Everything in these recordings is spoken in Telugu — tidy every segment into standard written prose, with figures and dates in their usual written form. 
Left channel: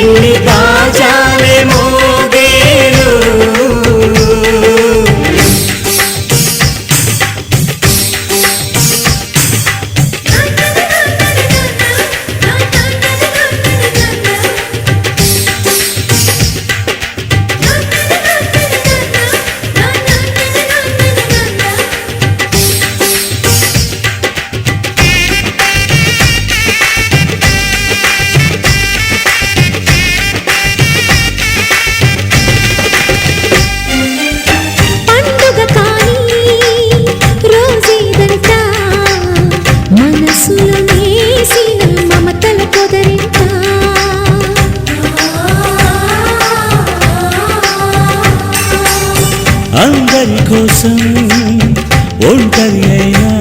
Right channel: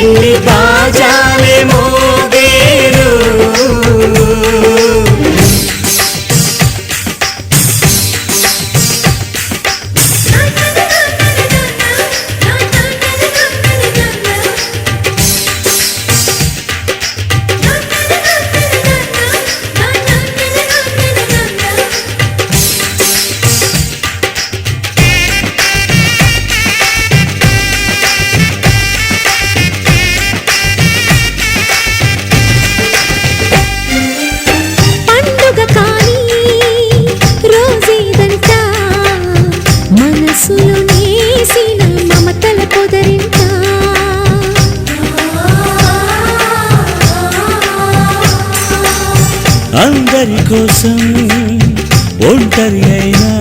పెళ్లి బాజాలే మోగేను మనసులో నేసిన మమతల పొదరింట అందరి కోసం ఒంటరి అయినా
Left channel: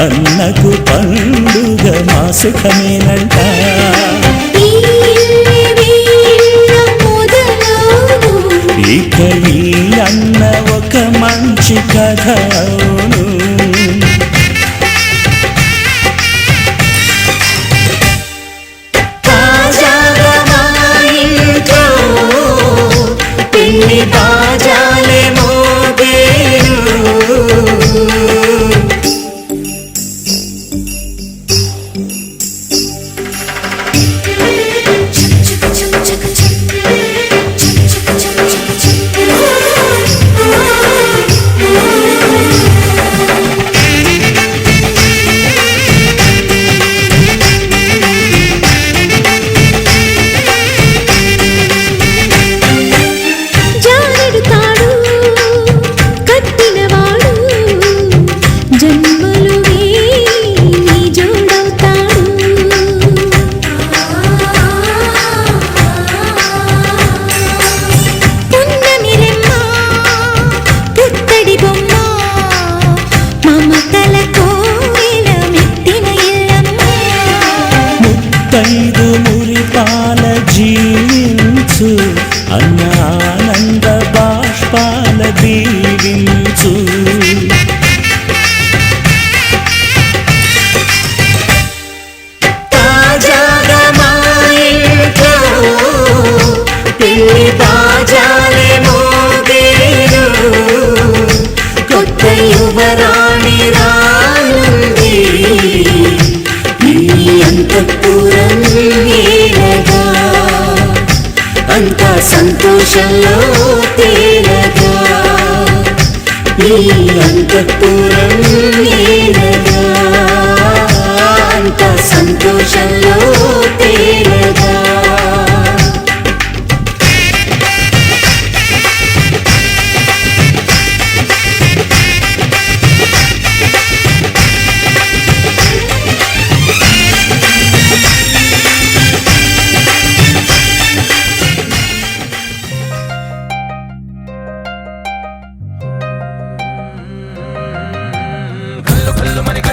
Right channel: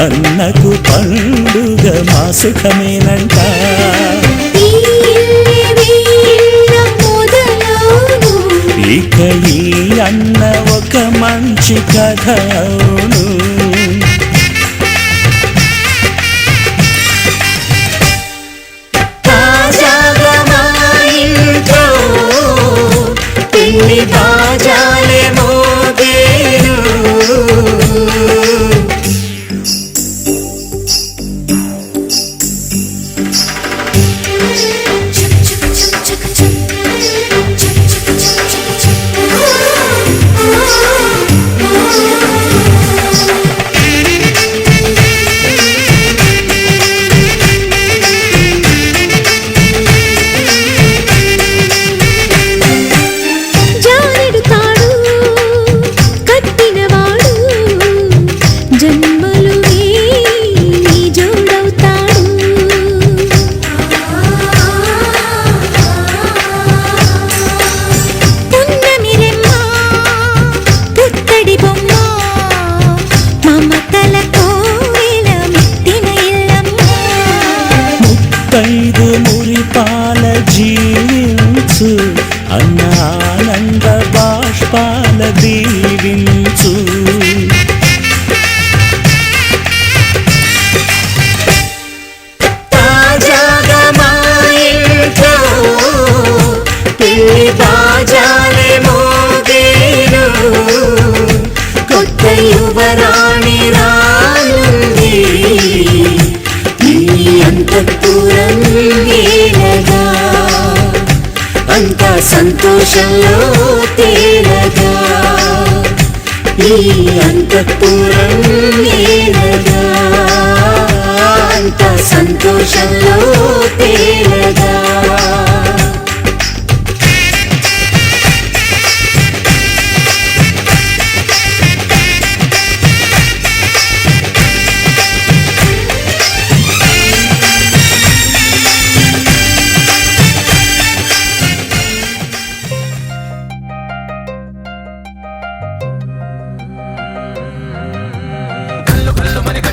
అన్నకు పండుగ మా సుఖమేనంట ఇక ఈ అన్న ఒక మంచి కథ అవును పెళ్లి బాజాలే మోగేను జన్మలు నీ జోడవుతాడు పున్నమి రెమ్మ పుత్తడి బొమ్మ మమతల కోవెల మెట్టిన ఇల్లమ్మ ముత్తైదు మురిపాల జీవించు అన్న ఆనంద బాష్పాల దీవించు పెళ్లి బాజాలే మోగేను కొత్త యువరాణి రానుంది ఈ అంతఃపురం ఏలగా అంతా సంతోషంలో తేలగా ఈ అంతఃపురం ఏలగా అంతా సంతోషంలో తేలగా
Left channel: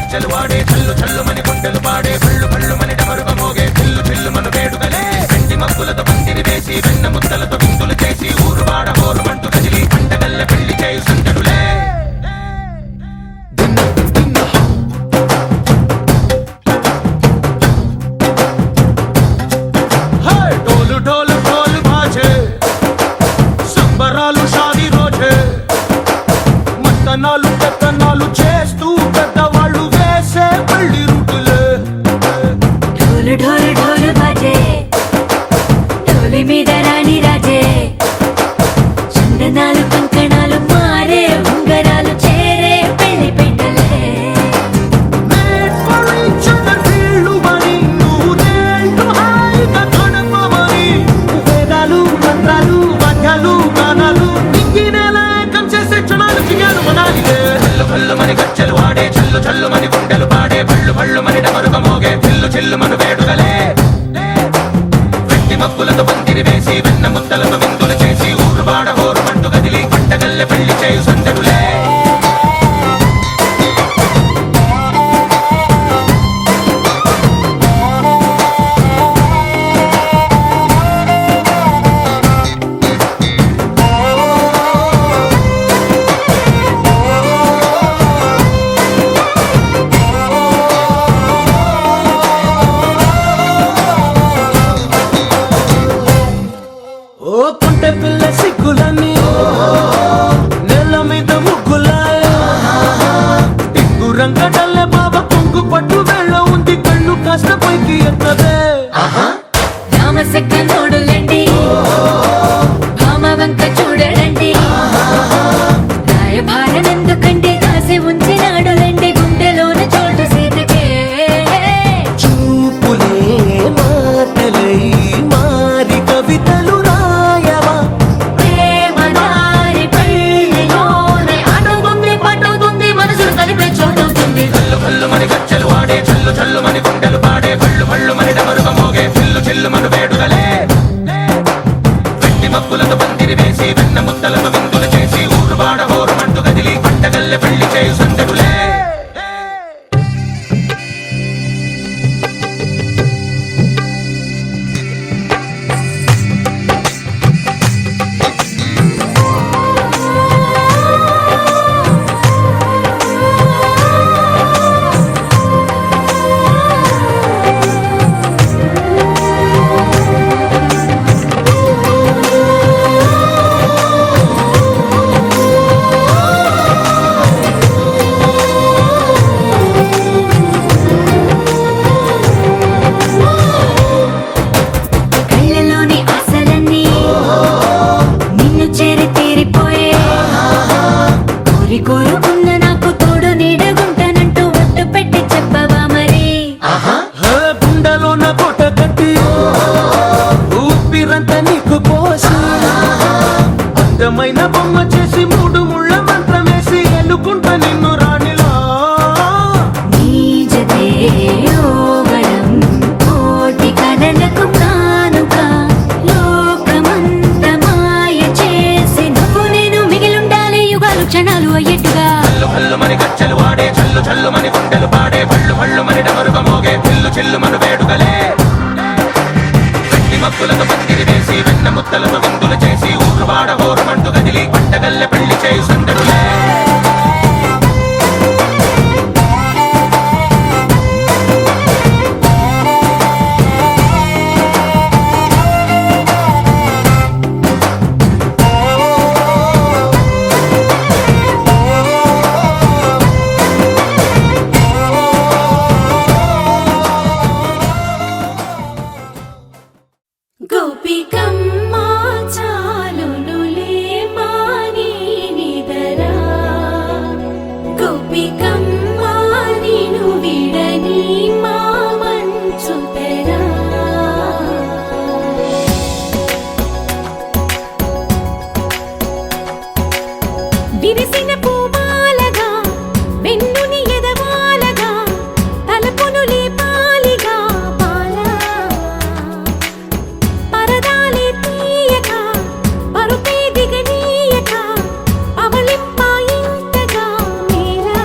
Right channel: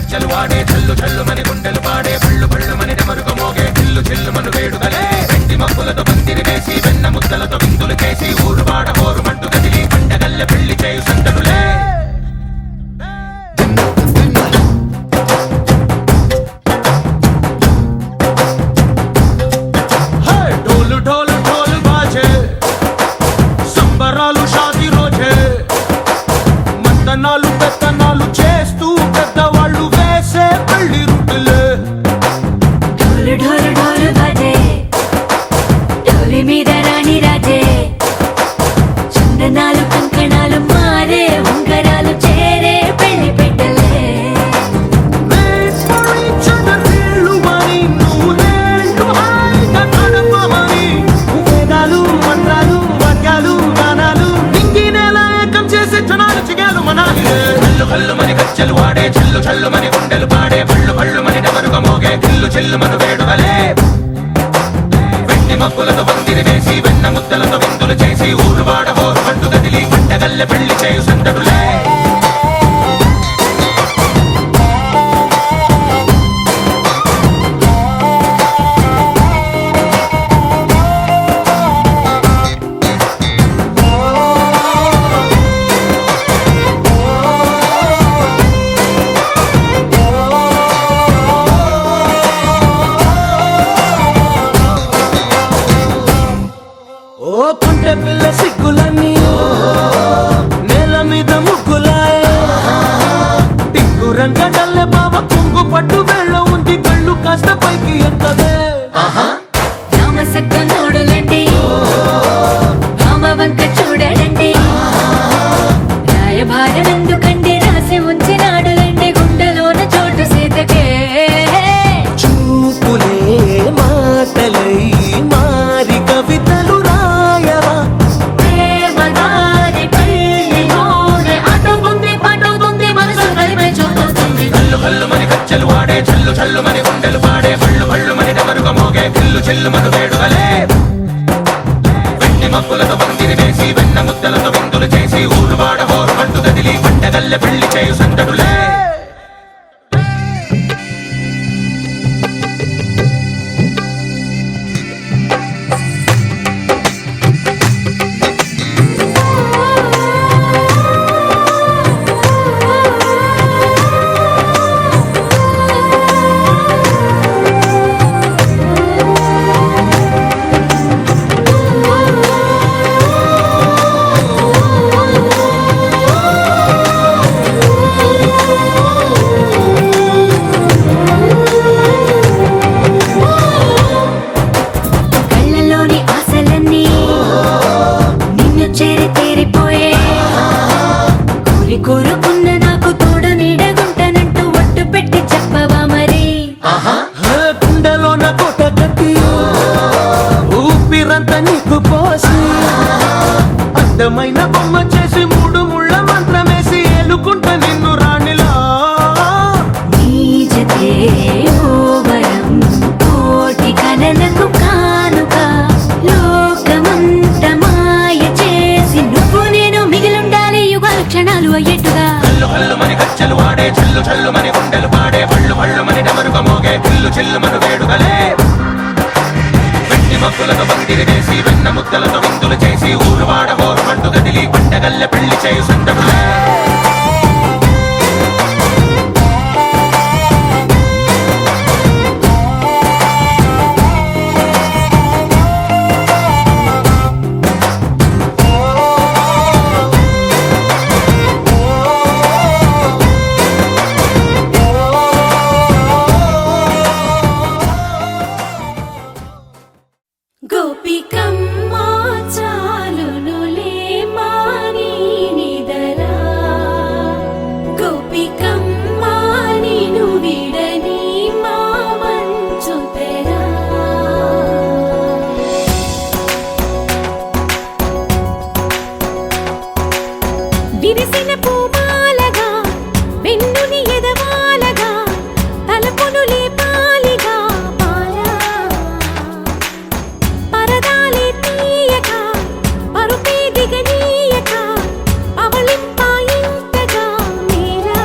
చల్లు వాడే చల్లు చల్లు మన గుండెలు పాడే పళ్ళు పళ్ళు మన డమరుగ మోగే చిల్లు చిల్లు మన వేడుదలే వెండి మబ్బులతో పందిరి వేసి వెన్న ముద్దలతో విందులు చేసి ఊరు వాడ ఊరు మంటు కదిలి పండగల్ల పెళ్లి చేయు సందడులే డోలు డోలు డోలు బాజే సంబరాలు షాదీ రోజే మత్తనాలు పెత్తనాలు చేస్తూ పెద్దవాళ్ళు వేసే పెళ్లి రుటులే ఢోలు ఢోలు ఢోలు బాజే ఢోలి మీద రాణి రాజే చందనాలు కంకణాలు మారే ఉంగరాలు చేరే పెళ్లి పెట్టలే వీళ్ళు మరి నూరేళ్ళు హాయిగా గడపమని వేదాలు మంత్రాలు వాక్యాలు గానాలు నింగినేల ఏకం చేసే క్షణాలు చిగాలు మనాలిలే చల్లు పళ్ళు మన గచ్చలు వాడే చల్లు చల్లు మన గుండెలు పాడే పళ్ళు పళ్ళు మన డమరుగ మోగే చిల్లు చిల్లు మన వేడుదలే వెండి మబ్బులతో పందిరి వేసి వెన్న ముద్దలతో విందులు చేసి ఊరు వాడ ఊరు మంటు కదిలి పంటగల్లె పెళ్లి చేయు సందడులే రంగడల్లే బావ కొంగు పట్టు వేళ్ళ ఉంది కళ్ళు కాస్త పైకి ఎత్తవే రామసక్క నోడులండి రామ వంక చూడలండి రాయభారం ఎందుకండి రాసి ఉంచినాడు రండి గుండెలోన చోటు సేతకే చూపులే మాటలై మారి కవితలు రాయవా ప్రేమదారి పైలోనే అడుగుంది పడుతుంది మనసు కలిపే చూడొస్తుంది కళ్ళు కళ్ళు మని గచ్చలు వాడే చల్లు చల్లు మని గుండెలు పాడే పళ్ళు పళ్ళు మని డమరుగ మోగే పిల్లు చెల్లు మన వేడుదలే వెండి మబ్బులతో పందిరి వేసి వెన్న ముద్దలతో విందులు చేసి ఊరు వాడ హోరు మంటు గదిలి పంటగల్లె పెళ్లి చేయు సందడులే కళ్ళలోని ఆశలన్నీ నిన్ను చేరి తీరిపోయే కోరి కోరుకున్న నాకు తోడు నీడగుంటనంటూ ఒట్టు పెట్టి చెప్పవా మరి గుండెలోన కోట కట్టి ఊపిరంతా నీకు పోసి అందమైన బొమ్మ చేసి మూడు ముళ్ళ మంత్రమేసి ఎలుకుంట నిన్ను రాణిలా నీ జతే యోవరం కోటి కలలకు కానుక లోకమంత మాయ చేసి నువ్వు నేను మిగిలుండాలి యుగాలు క్షణాలు అయ్యేట్టుగా కళ్ళు కళ్ళు మని గచ్చలు వాడే చల్లు చల్లు మని గుండెలు పాడే పళ్ళు పళ్ళు మని డమరుగ మోగే పిల్లు చెల్లు మన వేడుదలే వెండి మబ్బులతో పందిరి వేసి వెన్న ముద్దలతో విందులు చేసి ఊరు వాడ హోరు మంటు గదిలి పంటగల్లె పెళ్లి చేయు సందడులే గోపికమ్మ చాలునులే మాని నిదరా గోపికమ్మ నిను విడని మా మంచు తెరా విరిసిన పూమాలగా వెన్నుని ఎదవాలగా తలపును లేపాలిగా బాలా పరదాలే తీయక పరుపే దిగనీయక అవళింపాయింతగా మీరా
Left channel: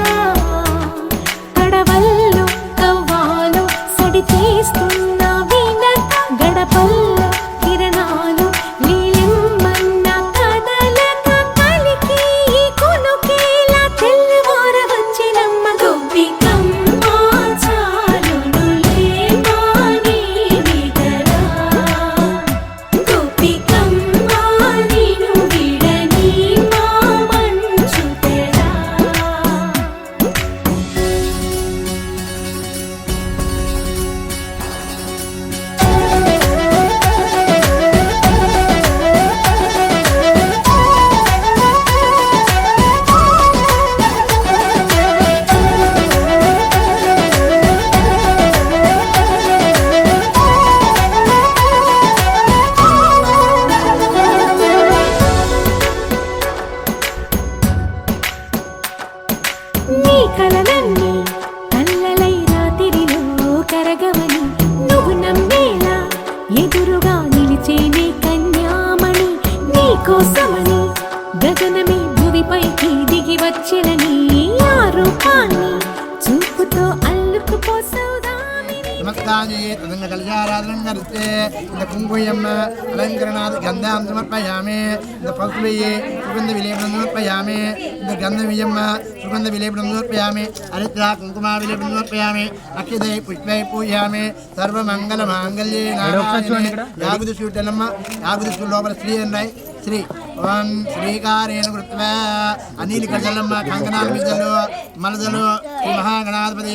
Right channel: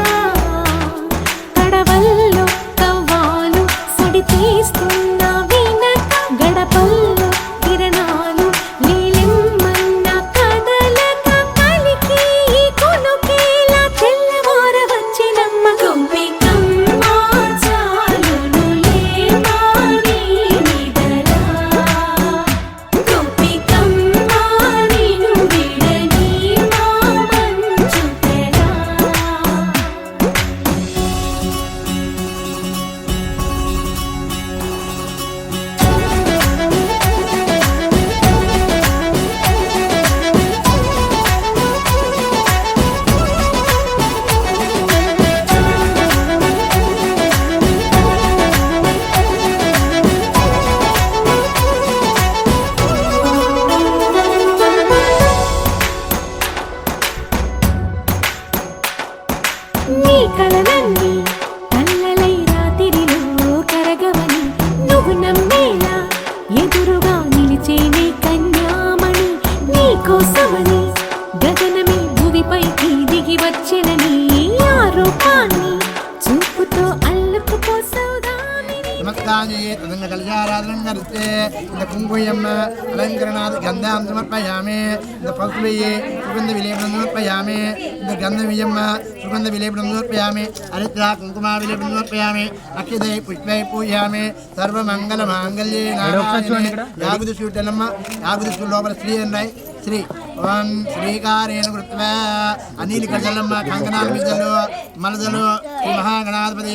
కడవల్లో కవ్వాలు సడి తీస్తున్న వినక గడపల్లో కిరణాలు నీలిమ్మన్న కదలక కలికి ఈ కొనుకేలా తెల్లవార వచ్చినమ్మ గోపికమ్మ చాలునులే మాని నిదరా గోపికమ్మ నిను విడని మా మంచు తెరా నీ కలలన్నీ కల్లలై రాత్రిలో కరగవని నువ్వు నమ్మేలా ఎదురుగా నిలిచేనే కన్యామణి నీ కోసమని గగనమే భువిపైకి దిగి వచ్చెనని ఆ రూపాన్ని చూపుతో అల్లుకుపోసౌదామిని నమస్కారాన్ని తదంగ కలశారాధనం కరిస్తే ఇంత కుంకుమ అలంకరణాది గంధాం సమర్పయామి ఇంత పసుపు సుగంధ విలేపనం సమర్పయామి ఇంత గంధ విజమ్మ సుగంధ విలేపనం సమర్పయామి హరిద్ర కుంకుమ విలేపనం సమర్పయామి అక్షితై పుష్పై పూజయామి సర్వమంగళ మాంగళ్యే నారాయణే యాగుది చూడనమ్మ యాగుది లోపల శ్రీ అన్నాయి శ్రీ ఓం శ్రీకారేణ కృత్వా అనిలికజలమ్మ కంకణాల బిడ్డలు మలదలు శ్రీ మహాగణాధిపతి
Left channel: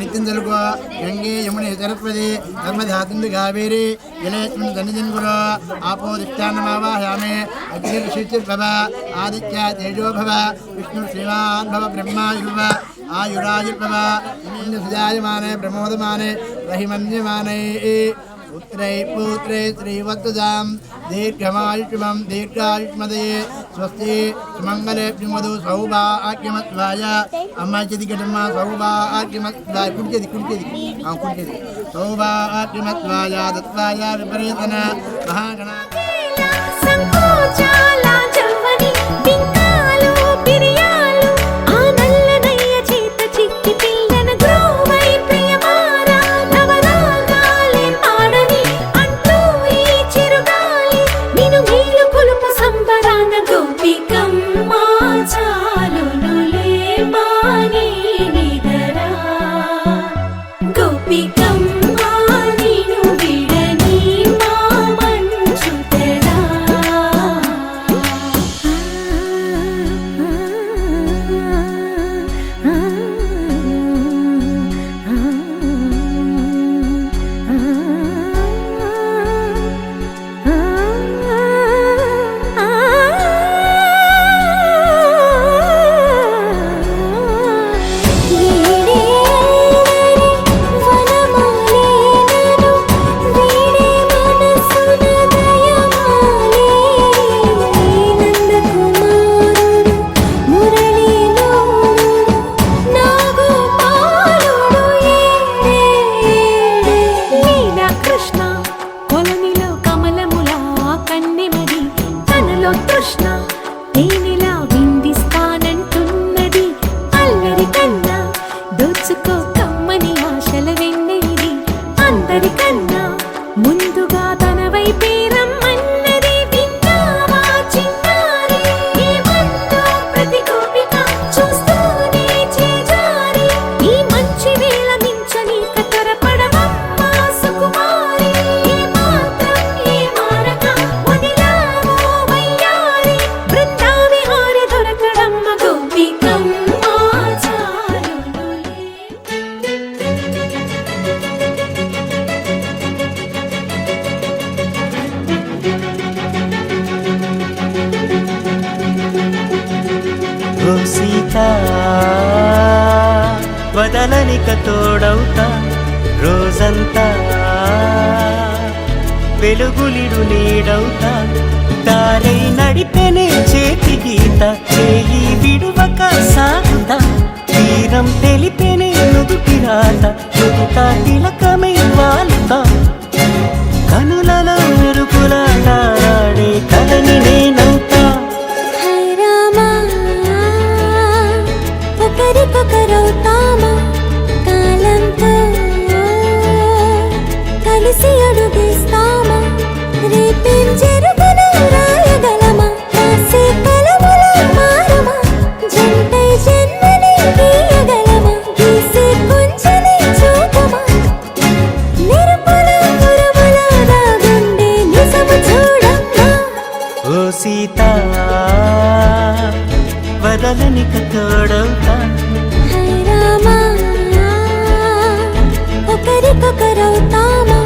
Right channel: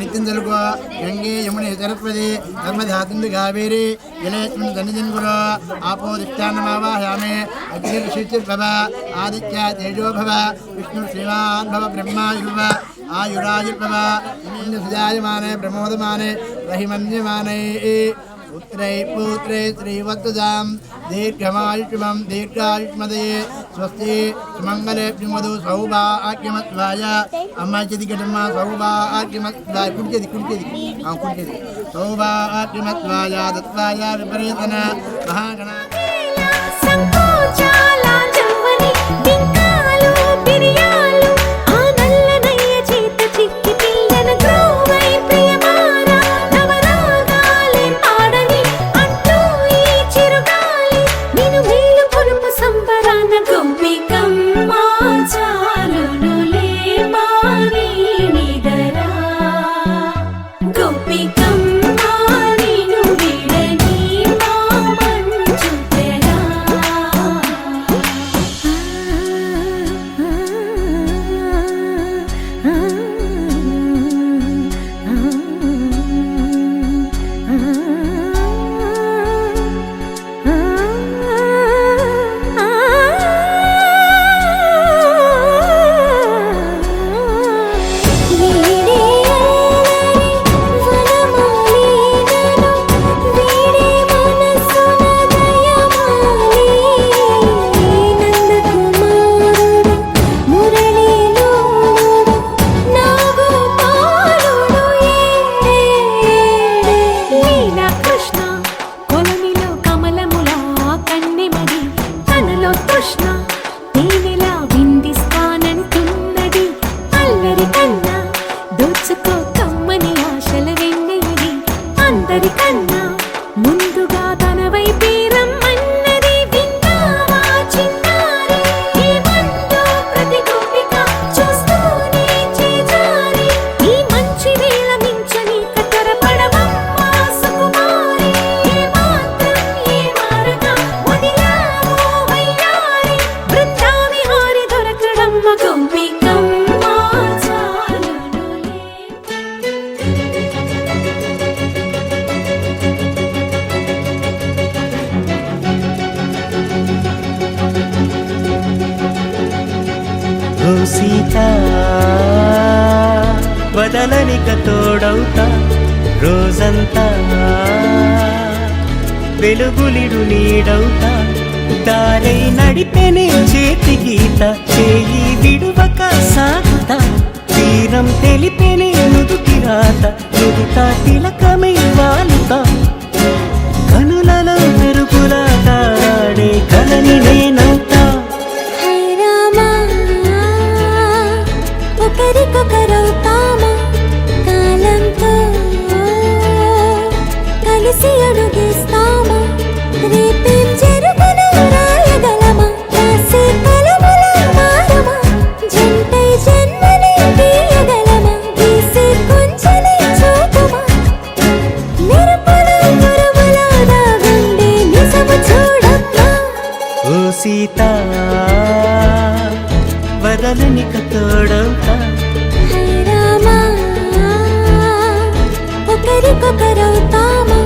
నిత్యం జలుగు గంగే యముని సరస్వతి నర్మదాసింధు కావేరి జలేస్మిన్ సన్నిధిన్గురు ఆపో దిష్టాన్నమావాహయామి అగ్నిర్షిచిర్భవ ఆదిత్య తేజో భవ విష్ణు శ్రీమాన్ భవ బ్రహ్మాయుర్భవ ఆయురాయుర్భవ సుజాయమానే ప్రమోదమానే రహిమన్యమానే పుత్రై పుత్రే శ్రీవత్సజాం దీర్ఘమాయుష్మం దీర్ఘాయుష్మదయే స్వస్తి సుమంగళే మధు సౌభాగ్యమత్వాయ అమ్మాయి చేతి గడమ్మ సౌభాగ్యమత్వాయ కుడిచేది సౌభాగ్యమత్వాయ దత్వాయ విపరీతన మహాగణ సంకోచాల జవ్వని బింకాలు బిరియాలు ఆ నల్లనయ్య చేత చిక్కి పిల్లన గ్రోవై ప్రియమారా నవరాగాలే పాడని అంటూ ఈ చిరుగాలి నిన్ను మేలు కొలుపు సంబరాన గోపికమ్మ చాలునులే మాని నిదరా గోపికమ్మ నిన్ను విడని మా మంచు తెరా కృష్ణ కొలనిలో కమలములా కన్నెమది తనలో తృష్ణ తేనెలా విందిస్తానంటున్నది అల్లరి కన్నా దోచుకో కమ్మని ఆశల వెన్నెది అందరికన్నా ముందుగా తన వైపే రమ్మన్నది విన్నావా చిన్నారి ఏమందో ప్రతి గోపిక చూస్తూనే చేజారి ఈ మంచి వేళ మించని కతరపడవమ్మ సుకుమారి ఏ మాత్రం ఏ మారక వదిలావో వయ్యారి బృందావిహారి దొరకడమ్మ గోపికమ్మ చాలునులే ఓ సీత వదలనిక తోడవుతా రోజంతా వెలుగులిడు నీడవుతా దారై నడిపెనే చేతి గీత చేయి విడువక సాగుతా తీరం తెలిపెనే నుదుటి రాత నుదుట తిలకమై వాలుతా కనులలో మెరుపులా తారాడే కలని నేనవుతా హై రామా ఒకరికొకరవుతామా కాలంతో కలిసి అడుగేస్తామా రేపేం జరుగును రాయగలమా రాసే కలముల మారమా జంటై జన్మని గీయగలమా గీసే కొంచెని చూపుమా మెరుపుల మురుముల దాగుండే నిజము చూడమ్మా ఓ సీత వదలనిక తోడవుతా హై రామా ఒకరికొకరవుతామా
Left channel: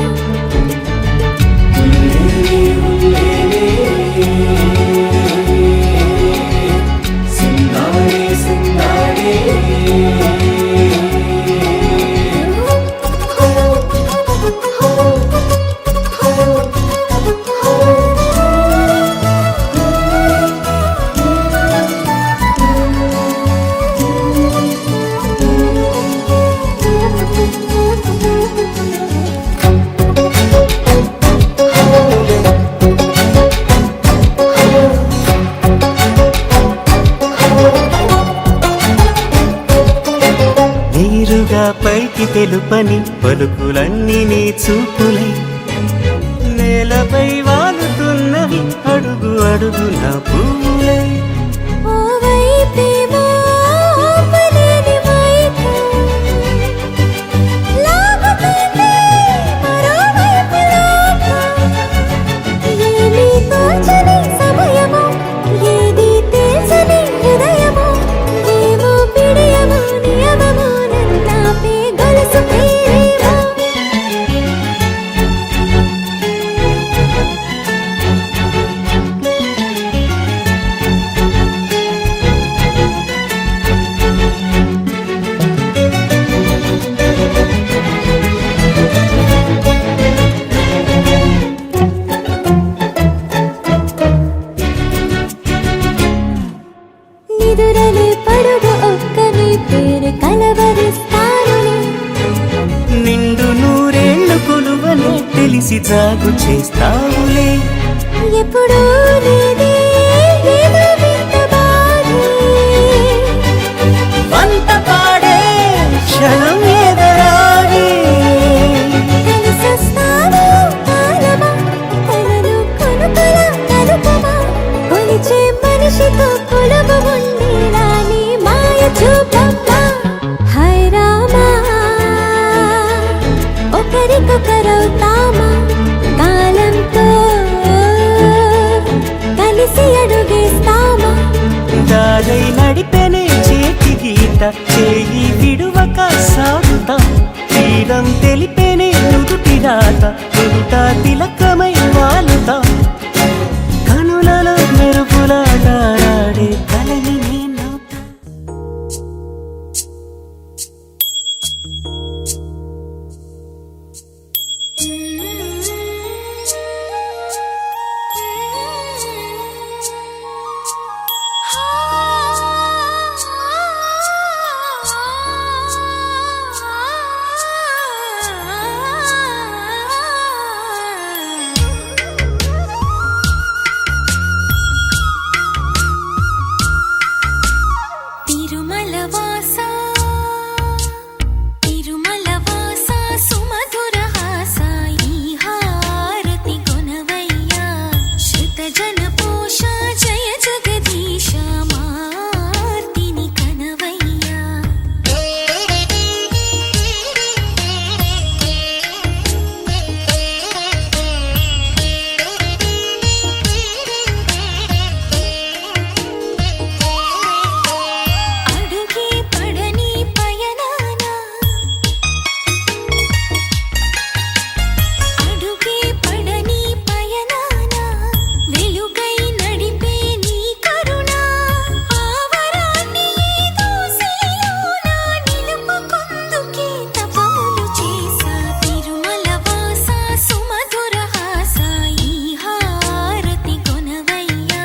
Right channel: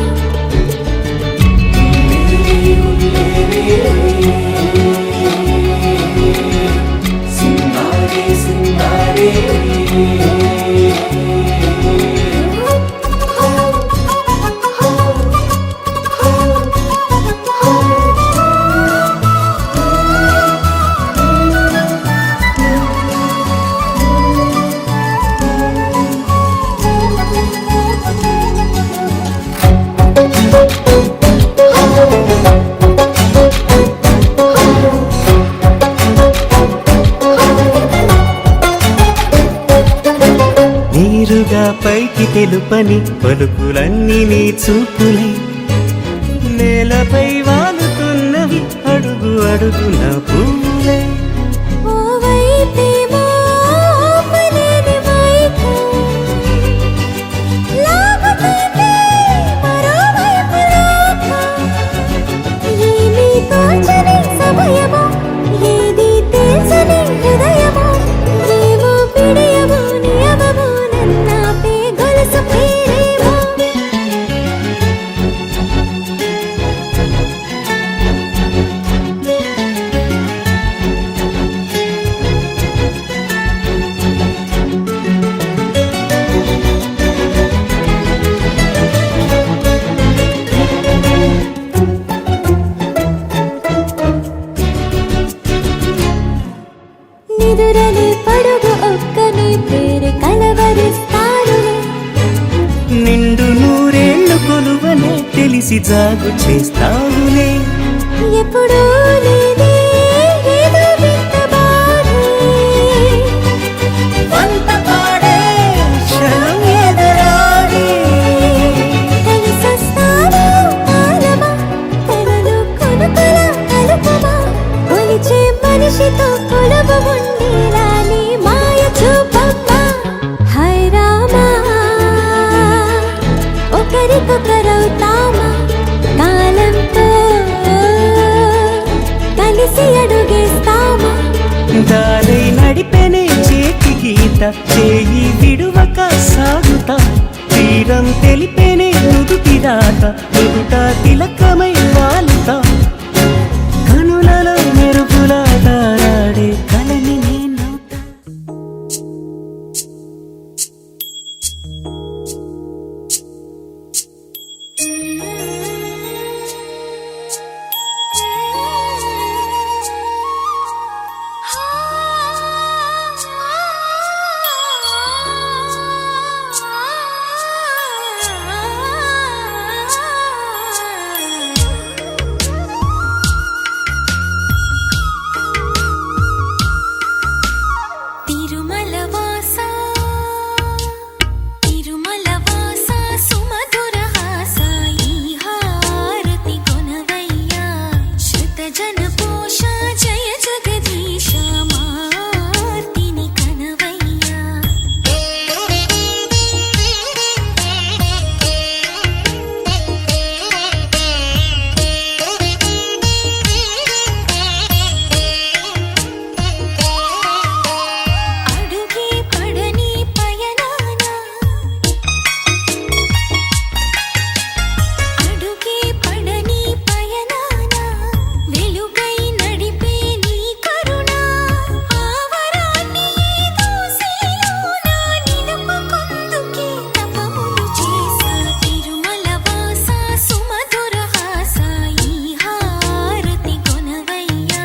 నీరుగా పైకి తెలుపని పలుకులన్నీ నీ చూపులై నేలపై వాలుతున్నవి అడుగు అడుగు నా పువ్వులై ఓ వైపేమో ఆపలేని మైకం లాగుతుంది మరోవైపు లోకం ఏమీ తోచని సమయమో తెలిసి జాగు చేస్తావులే. ఎప్పుడూ లేదే ఏదో వింత బాధే, వంత పాడే క్షణం ఎదరాడే. కలిసొస్తావా కాలమా, కలలు కొనుకల కలుపమా, కొలిచే మనిషితో కొలువు ఉండేలా నీ మాయ చూపమ్మా. హై రామా, ఒకరికొకరవుతామా, కాలంతో కలిసి అడుగేస్తామా. దారై నడిపెనే చేతి గీత, చేయి విడువక సాగుతా. తీరం తెలిపెనే నుదుటి రాత, నుదుట తిలకమై వాలుతా. కనులలో మెరుపులా తారాడే కలని నేనవుతా. తిరుమల వాసా, తిరుమల వాసా, సుమధుర హాసా, ఈ హారతి కొనవయ్యా. శృత జన పోష జయ జగదీశ, మార్తిని కనవయ్యా. అడుగే పడని పయనాన, అడుగే పడని పయనాన, వెలుగై నడిపే నీ కరుణ. ఆవరాన్ని ఏదో శిలలోన నిలుపుకొందుకే తపములు చేసా. తిరుమల వాసా, సుమధుర హాసా, ఈ హారతి కొనవయ్యా.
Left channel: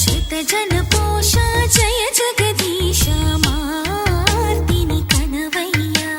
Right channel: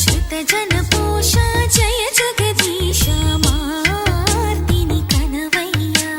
శృత జన పోష జయ జగదీశ, మార్తిని కనవయ్యా.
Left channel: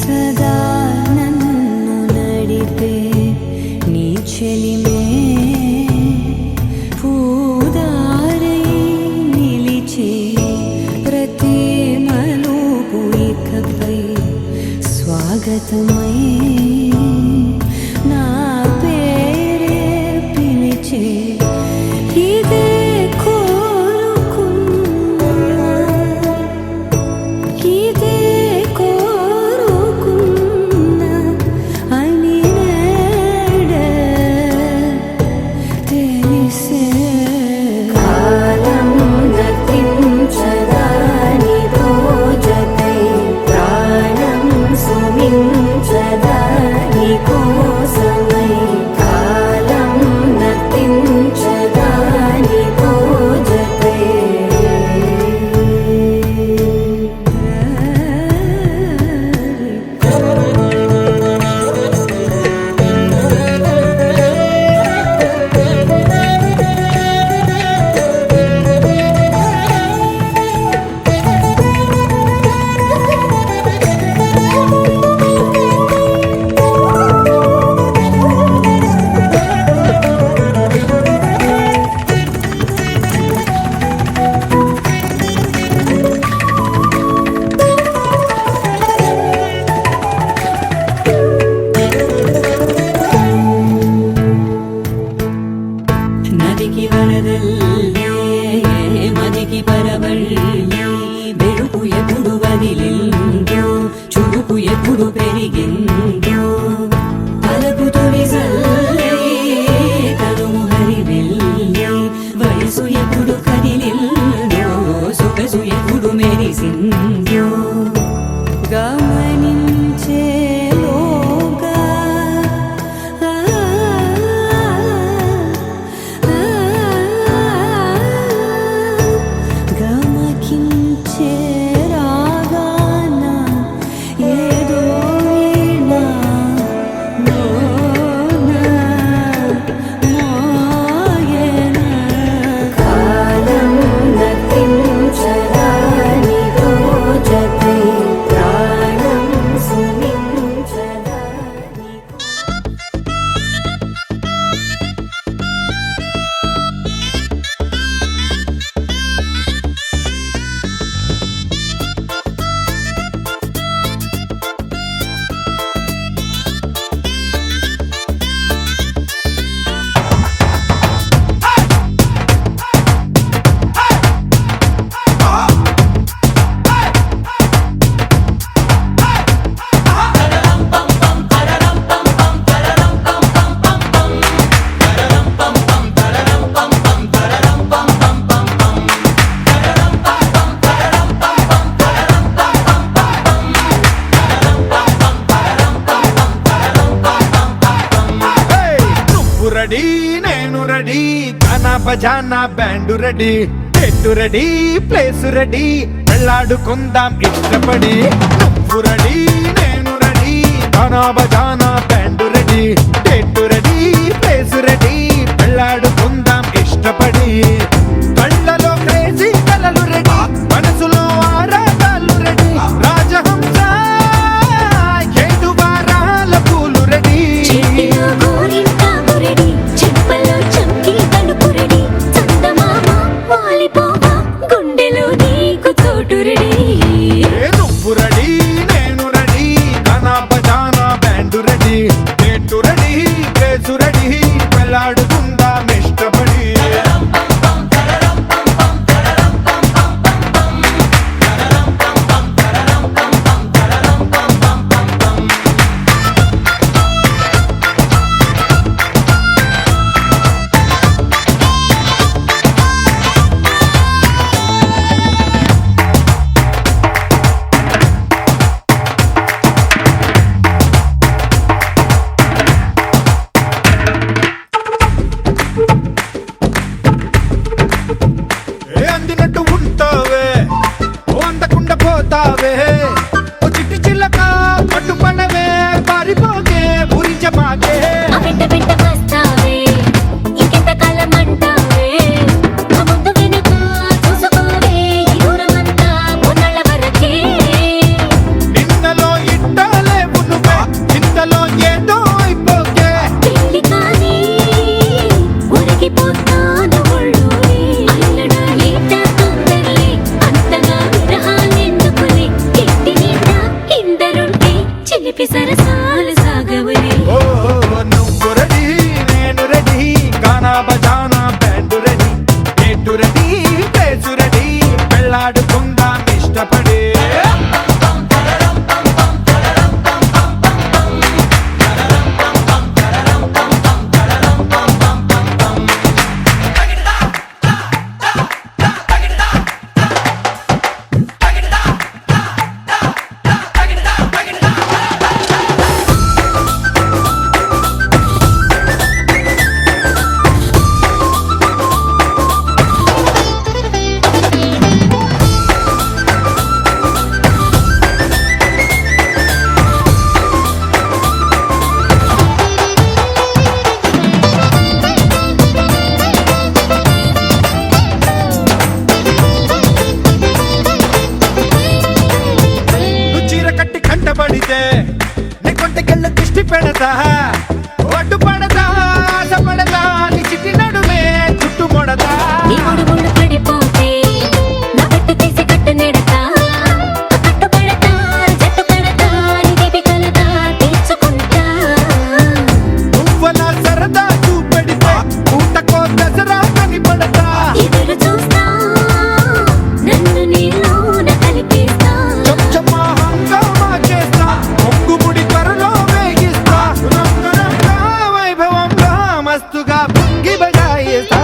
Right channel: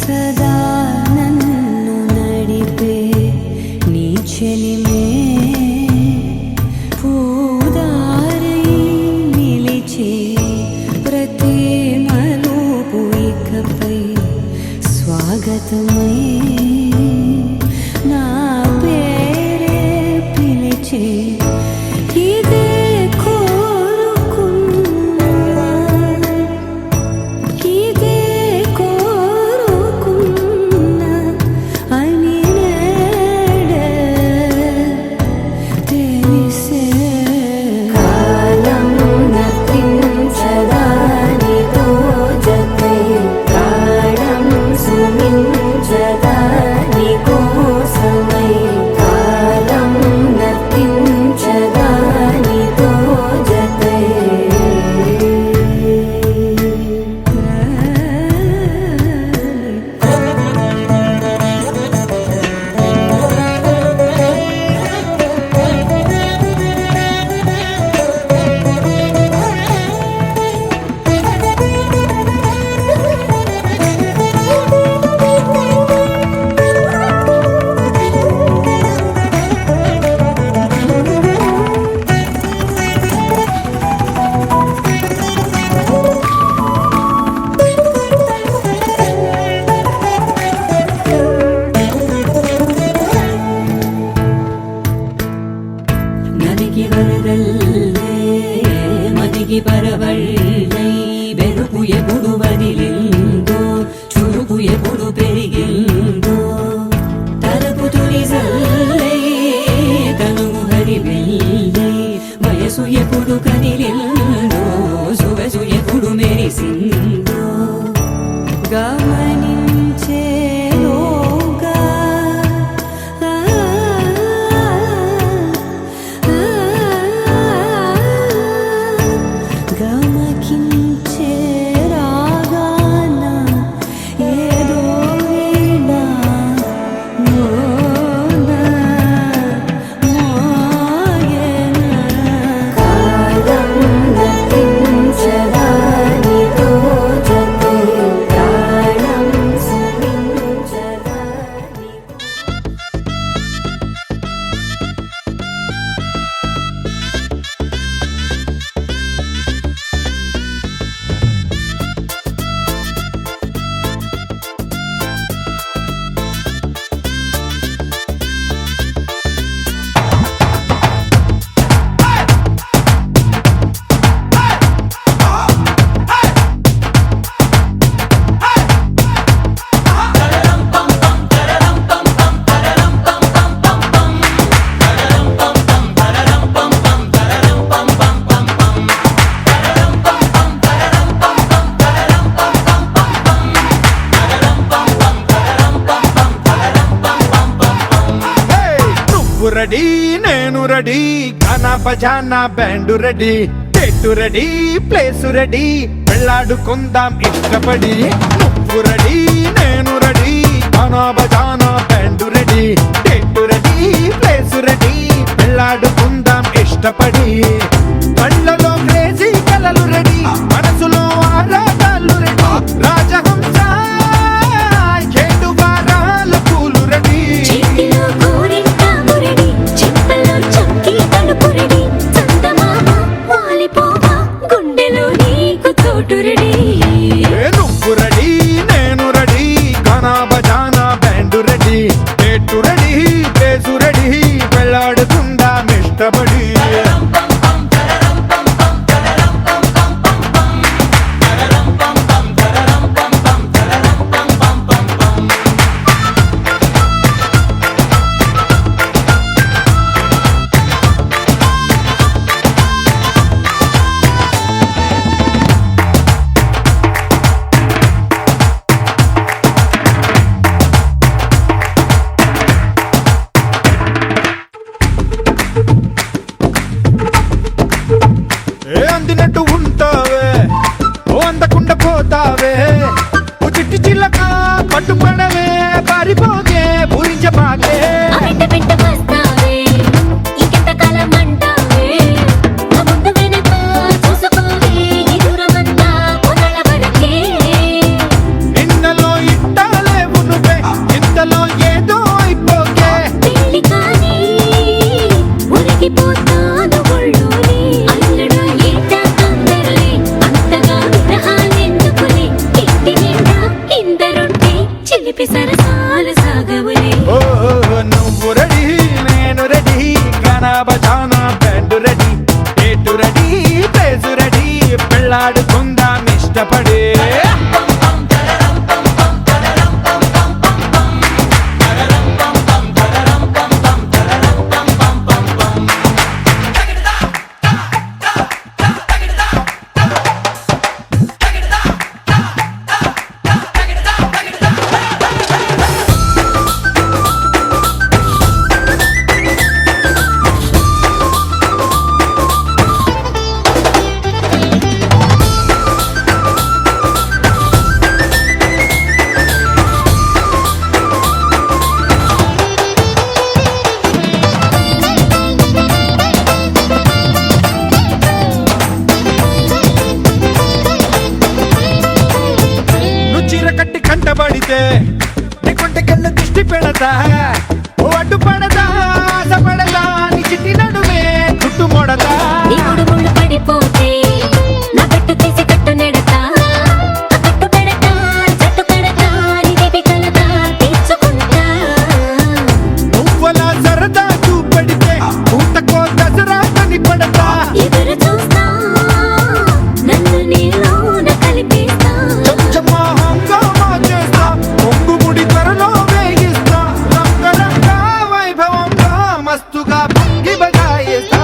సదా నన్ను నడిపే నీ చెలిమే, పూదారై నిలిచే ప్రతి మలుపు ఇకపై స్వాగతమై నా పేరే పిలిచే. ఇదే కోరుకున్నా, ఇదే కోరుకున్నా అని నేడే తెలిసే. కాలము నతించదాని దోజకై, ప్రాణం సుమించదా కదిలిల్దో సొగసు ఎప్పుడు మెరిసిందో గమనించేలోగా గమకించే రాగాన ఏదో వీణ మోన మోయన కాలం గతించదాని రోజతై ప్రాణం సుమించదాని నువ్వు రెడీ నేను రెడీ గానా బజానా band ready date ready place ready వెళ్ళాడుకుందాం ఇష్టపడి నువ్వు రెడీ నేను రెడీ గానా బజానా band ready date ready place ready వెళ్ళాడుకుందాం ఇష్టపడి కళ్ళలో క్రేజీ కలలు రెడీ మనసులో ఆరాటాలు రెడీ రాజహంస ఏడు వారాల పూలు రెడీ చేతిలో గోరింటాకు రెడీ చెంపలో చంకి తలుపు రెడీ చందమామ వాలిపోగా గుండెలో నీకు తోటు రెడీ నువ్వు రెడీ నేను రెడీ గానా బజానా band ready date ready place ready వెళ్ళాడుకుందాం ఇష్టపడి అందినట్టు ఉంటావే ఓ అందకుండా పోతావే ఓ చిట్టి చిల్లక పట్టుపడవే పారిపోకే పూరించబాకే ఆ వెంట వెంట వస్తావే ఇంకెంత కాలం అంటావే మా ముందు వెనక చూసుకోవే ఈ దూరమంతా కొనాల వరకే నిన్నలో ఇట్టాలేవు నువ్వే ఇంతలో ఏదో అయిపోకే పెళ్లి కానీ ఉరిగిపోతాను ఒళ్ళోనే అల్లుడు ఏట తొందరలే అంతగా విరహాలెందుకులే ఇంటి నిండా ఇందరుంటే చిలిపి సరసాలు సాగవలే ఓ నువ్వు రెడీ నేను రెడీ గానా బజానా band ready date ready place ready పెళ్ళాడుకుందాం ఇష్టపడి కంటబడితే నీ కొంటకెళ్ళ దిష్టి పెడతా ఓ అడ్డు పడతా ఆశ పడతా నీ చిట్టి నడుమే చుట్టు మొడతా నీ ముళ్ళు పడిపోతే నా పెట్టు తీసి కట్టు నెడతా కట్టు పెడతా జట్టు పెడతా నీ దీపి కలతా తీర్చుకుంటా నువ్వలా సరదా చూపెడితే ఊటకో దసరా కని పడతా ఎదురు చూస్తా నన్ను నీలోన కలిపేస్తా చెంచమ్మా హంగామా చేస్తా పొంగుముడి త్వరలో వేగిస్తా రంగరంగా వైభవంగా మస్తుగా పొంగి బగాయిస్తా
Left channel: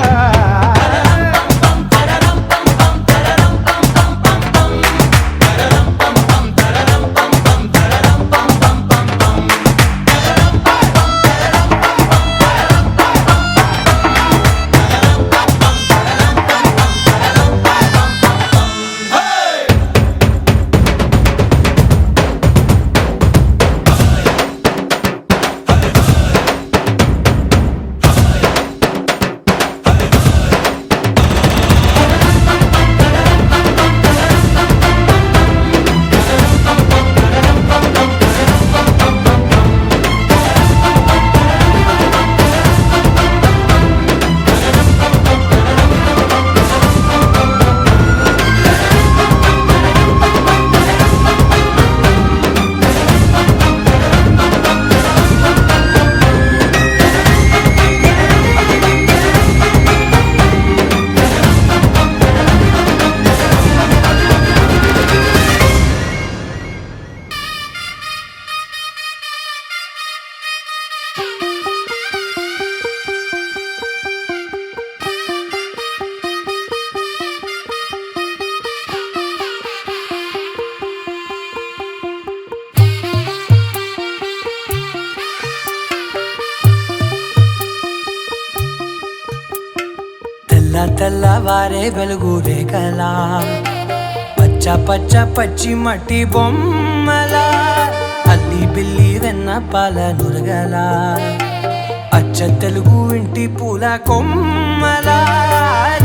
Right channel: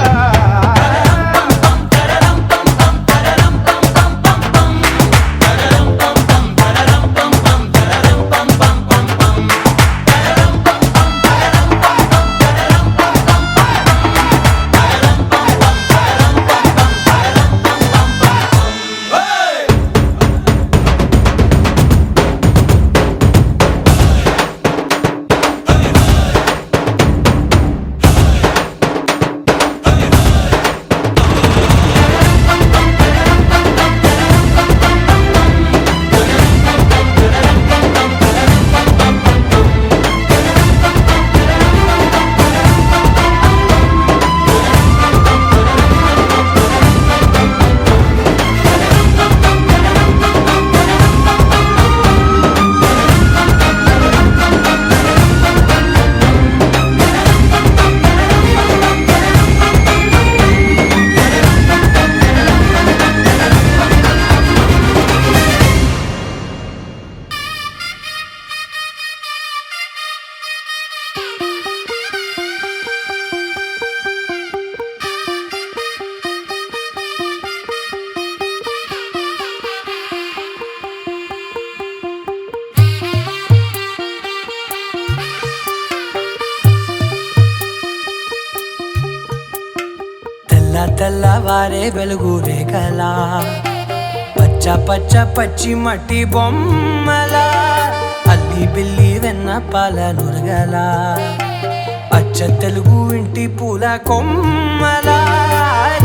తెల్లవారే వెలుగు రేఖలా పచ్చ పచ్చ పచ్చి మట్టి బొమ్మలా అల్లి బిల్లి వెన్న పాల నురగలా అచ్చ తెలుగు ఇంటి పూల కొమ్మలా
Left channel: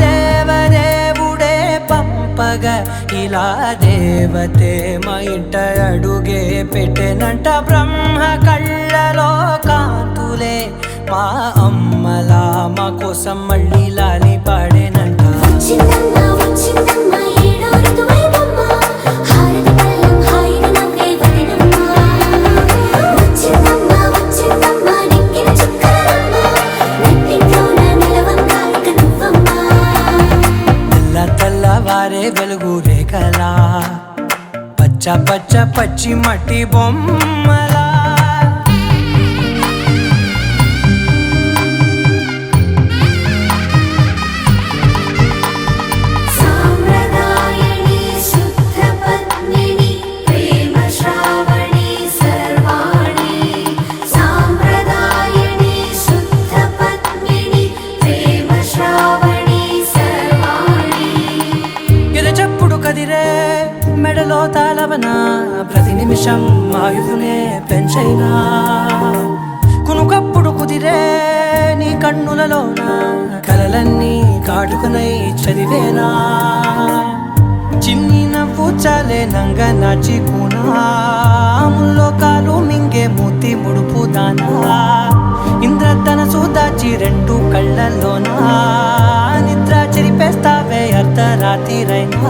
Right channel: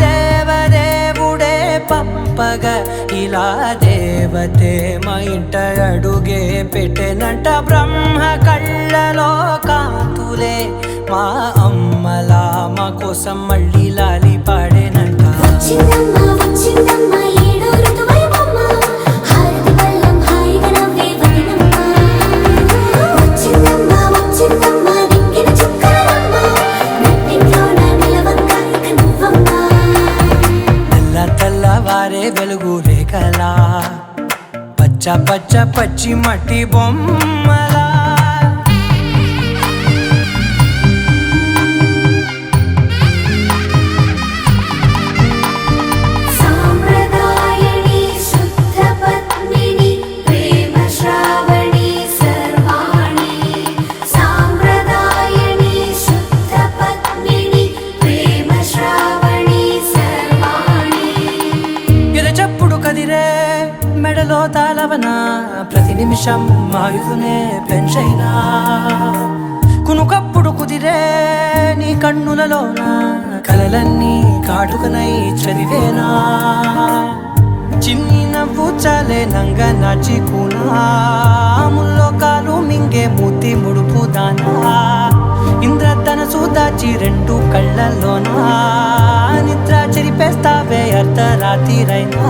దేవదేవుడే పంపగా ఇలా దేవతే మా ఇంట అడుగే పెట్టెనంట బ్రహ్మ కళ్ళలో కాంతులే మా అమ్మలా మా కోసం మళ్ళీ లాలి పాడేనంట వచ్చిందమ్మా వచ్చిందమ్మా ఏడో ఋతువైవమ్మ హారతి పళ్ళం హాయిగా నవ్వే వదినమ్మ వచ్చిందమ్మా వచ్చిందమ్మా నెక్కిన చుక్కలమ్మ నెట్టింట్లోన నిలవంగా ఇక నువ్వమ్మా తెల్లవారే వెలుగు రేఖలా పచ్చ పచ్చ పచ్చి మట్టి బొమ్మలా సాంప్రదాయని శుద్ధ పద్మిని ప్రేమ శ్రావణి సర్వాణి సాంప్రదాయని శుద్ధ పద్మిని ప్రేమ శ్రావణి సర్వాణి ఎరచప్పుడు కదిరే మెడలో తాళవన ప్రతి నిమిషం ఆయుధునే పెంచైనా కునుకప్పుడు కుదిరే నీ కన్నులలోన కలలన్నీ కాటుకనై చదివేనా చిన్ని నవ్వు చాలే నంగ నాచి కూనాముల్లో కాలు మింగే మూతి ముడుపు దానా ఇంద్రధనసు దాచి రెండు కళ్ళల్లోనా నిద్ర చెరిపేస్తావే అర్ధరాత్రిరైనా